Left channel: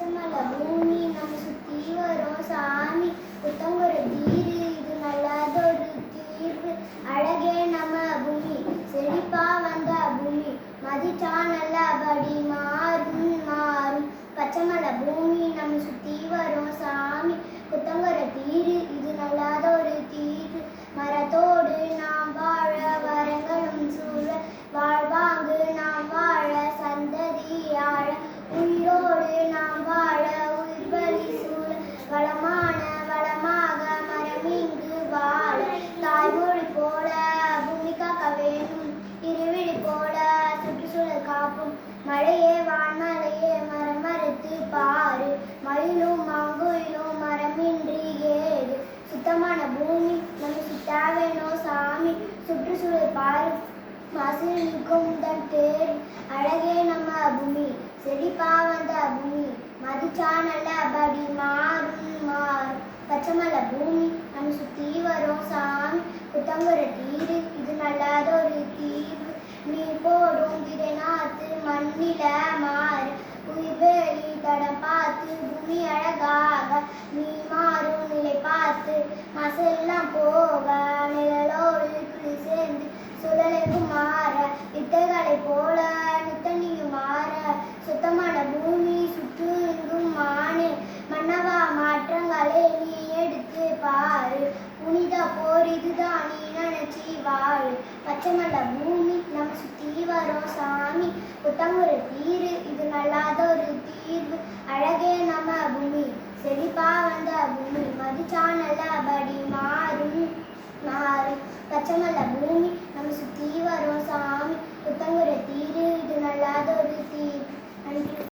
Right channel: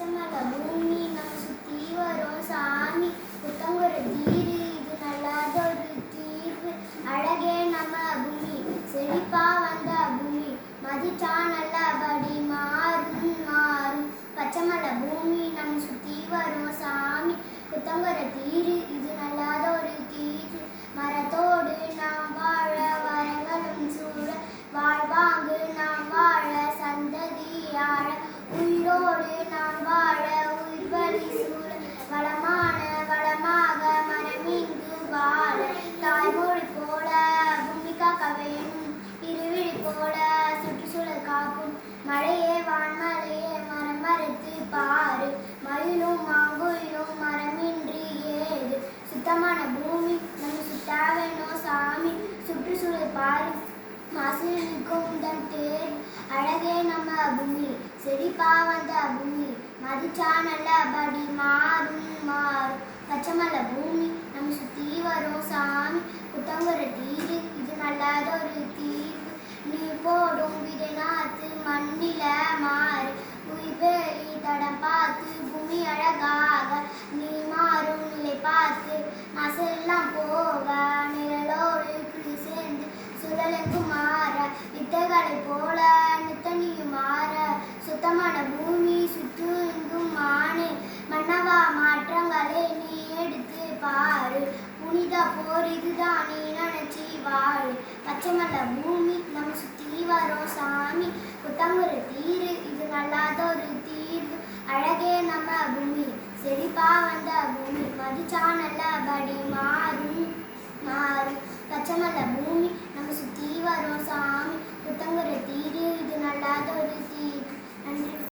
பச்சமல பூமி நம்ம சுத்தி வரும் சாமி புத்தங்குற தீரு இது நல்லதொரு தீர்வு அழகே நம்ம பூமி செழிப்பா வந்த பூமி மதிச்சா நல்லபடி மாறும் மாறும் பச்சமல பூமி நம்ம சுத்தி வரும் சாமி புத்தங்குற தீரு இது நல்லதொரு தீர்வு மரத்தோடு நாம் வாழ வரங்களும் சூழ வாழ்வாங்கு நாம் வாழ சந்ததியாழ உயிரோடு நாம் வாழ உயிர்வழி சூழ வளமாக மரமிங்கு வாழ தாய்மொழி போல பூமி காக்க வேணும் இருவிழி போல சுற்றுச்சூழல் காப்பும் மழையே வான்மலையே மரம் மறுத்து பாரு மயிலும் மாங்குயிலும் மரமின்றி ஏது சுத்தமான பூமி நம்ம சுத்த வேணும் சாமி சுற்றுச்சூழல் பாரு மாசிக்கும் தன் தேர் அழகே நம்ம பூமி செழிப்பா வந்த பூமி மதிச்சா நல்லபடி மாறும் மாறும் பச்சமல பூமி நம்ம சுத்தி வரும் சாமி புத்தங்குற தீரு இது நல்லதொரு தீர்வு நீ போடும் விதை நாத்து மண்ணில மாறு உயிர்வேலி தடம் பார்த்து பூமி அழகாக நீ மாறும் நிலை பார்த்து மாசெல்லாம் போக நிழலோடு குளி சேர்ந்து சுழலுக்கு மாற வித்தைகளை போல நித்தனியும் மாற சுத்தமான பூமி சுற்றுங்கும் மானே மன்னவா மாற்றங்களை நீ எடுத்து பாரு புனித போர் இதுதான் நீ நினைச்சி வாழு பச்சைமல்ல பூமி நம்ம சுத்தி வரும் சாமி புத்தங்குற தீரு இது நல்லதொரு தீர்வு அழகே நம்ம பூமி செழிப்பா வந்த பூமி மதிச்சா நல்லபடி மாறும் மாறும் பச்சமல்ல பூமி நம்ம சுத்தி வரும் சாமி புத்தங்குற தீரு இது நல்லதொரு தீர்வு நன்றி.